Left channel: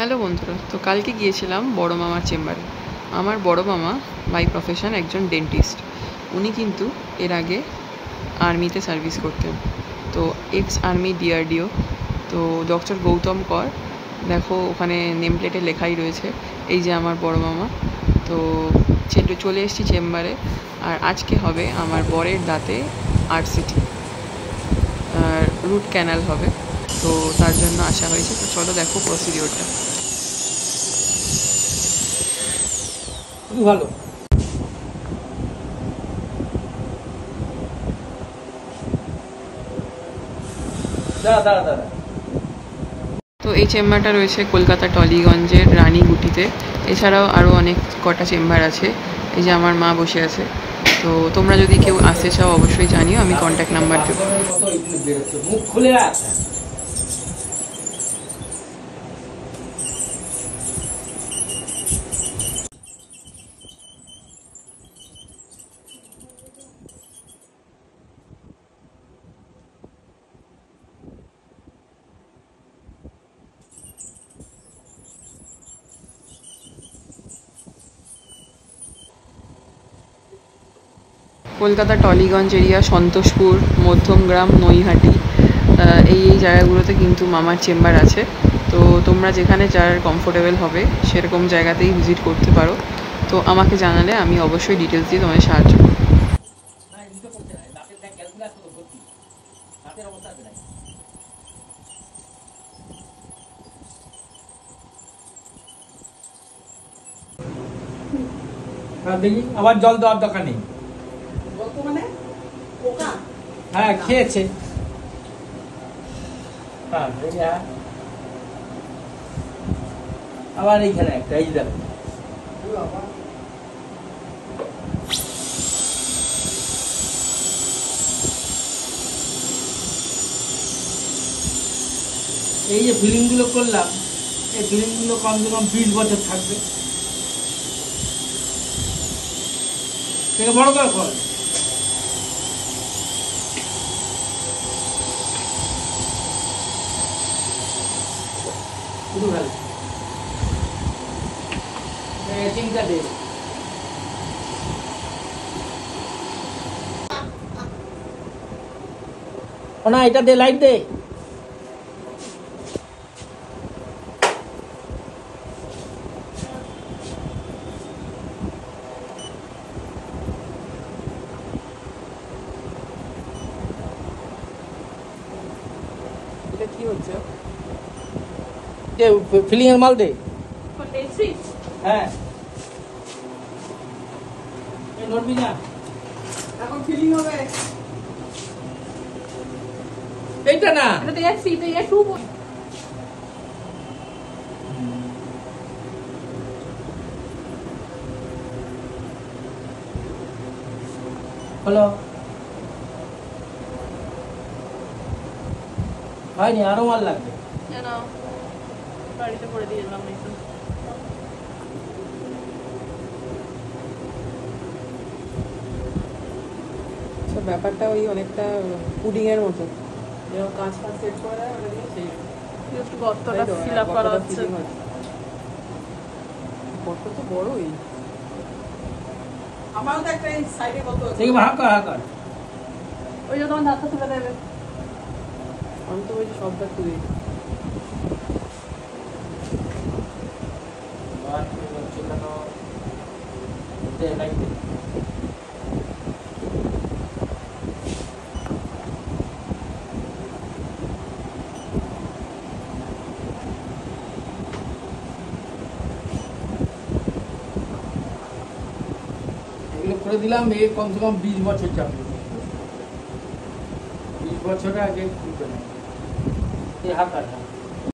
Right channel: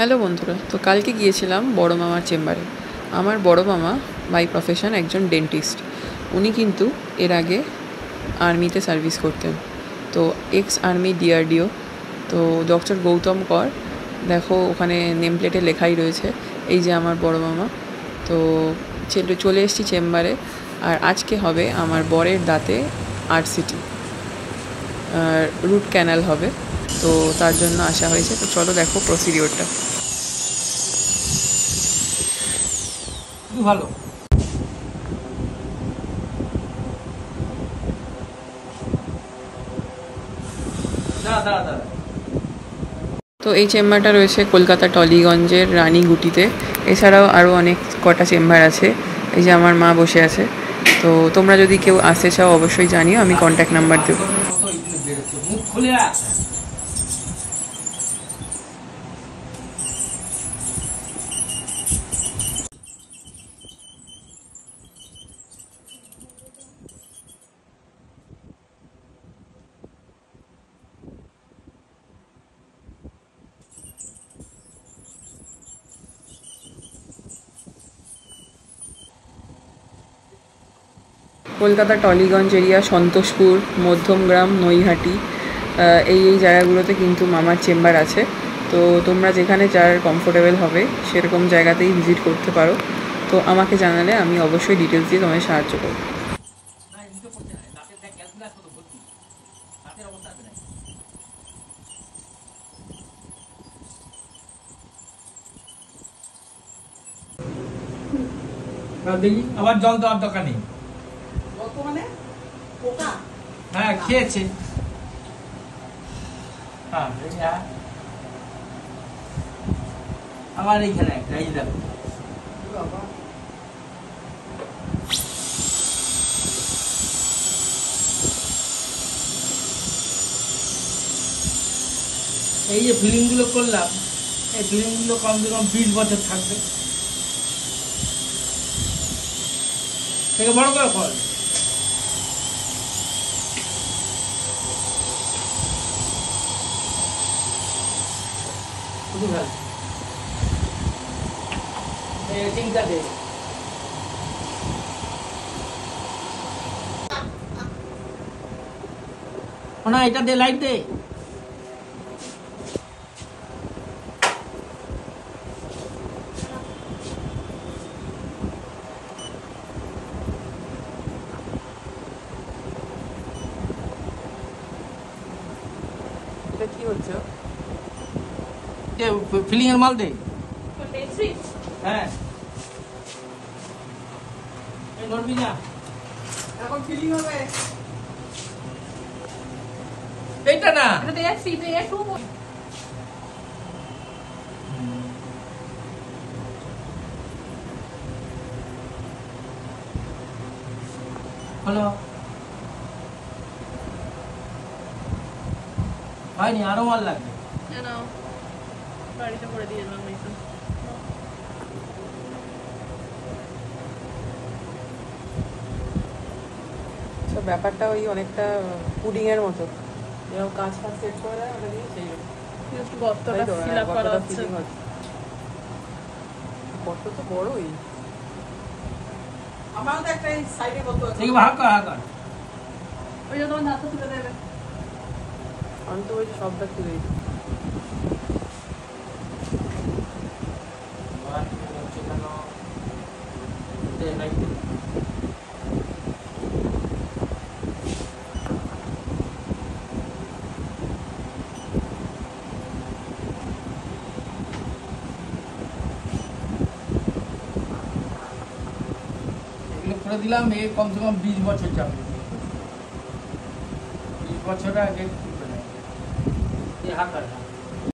Hello বন্ধুরা, তো কালকে গিয়েছিলাম বড় মামার চেম্বারে। আমার বড় মামা বাই প্রফেশন একজন ডেন্টিস্ট। উনি কিন্তু এর আগে আর্মিতে সার্ভিস করতেন, তো এক্স আর্মি ডিআরডিও। তো ডক্টর গৌতম কর, দেখো ওখানে নেম প্লেটে লেখাই রয়েছে। এই যে আমার বড় মামা। তো চলে এসেছি চেম্বারে, আর আজকে হবে আমার বরের দাঁতে আরসিটি, রুট ক্যানাল হবে। তো তার জন্য আসা হয়েছে। তো চলো দেখো প্রসিডিওরটা। ভালো তো এই চেম্বারটা রয়েছে কলকাতা টলিগঞ্জের রানীগুটিতে। এছাড়াও আরও অনেক কটা চেম্বার আছে। এই যে আমার মা বসে আছে। তো তোমরা যদি কেউ আসতে চাও অবশ্যই জানিও, আমি কন্ট্যাক্ট নাম্বার দেবো। মুখ খুলে রাখ। কলকাতা টলিগঞ্জ এরিয়া, সন্তোষপুর, মধ্যমগ্রাম, নৈহাটি, এই জায়গাগুলোতে কিন্তু মামার চেম্বার আছে। তো তোমরা যেখানে যার কমফোর্টেবল হবে সেরকম জায়গাতেই ভিজিট করতে পারো। তো আমাকে জানালে আমি অবশ্যই ডিটেলস দিয়ে তোমায় সাহায্য করব। দেখি আবার জল দেওয়ার দরকার নেই। হ্যাঁ খেয়েছে। আবার এইখানে একটা, এই দেখো এই যে ফিলিং গুলো করলাম, এই ফিলিং গুলো কমসে কম 20 বছর থাকবে। থেকে বড় করে ফল শুরু হল চিন্তা দিয়ে না, এটা দে, লাইট দে। ফিলিং এর মাল দে। হ্যাঁ নড়বি না, এখন ফিলিং হবে। এইটা না, এটা দেখছি তো একটু হলো হয়নি, আরো মাল লাগবে। বাড়িতে করে দিয়ে এলাম। ব্যাপারটা ওই অনেকটা পুডিং এর মতো, কাঁচটা সেট করা একটু গর্তটা ফিল আপ করা হচ্ছে। আমারও তো একটা সাইডে গর্ত আছে, দেখি ভাগ কর, ভাগ কর। ওই জন্য আমার দাঁতটা তুলে দেবে। আমি তো বেশ সবটা তুলে করে দিলাম। এ কমসে কম 20 বছর যাবে, 20 বছর আগে খুলবে না। এই হাত আর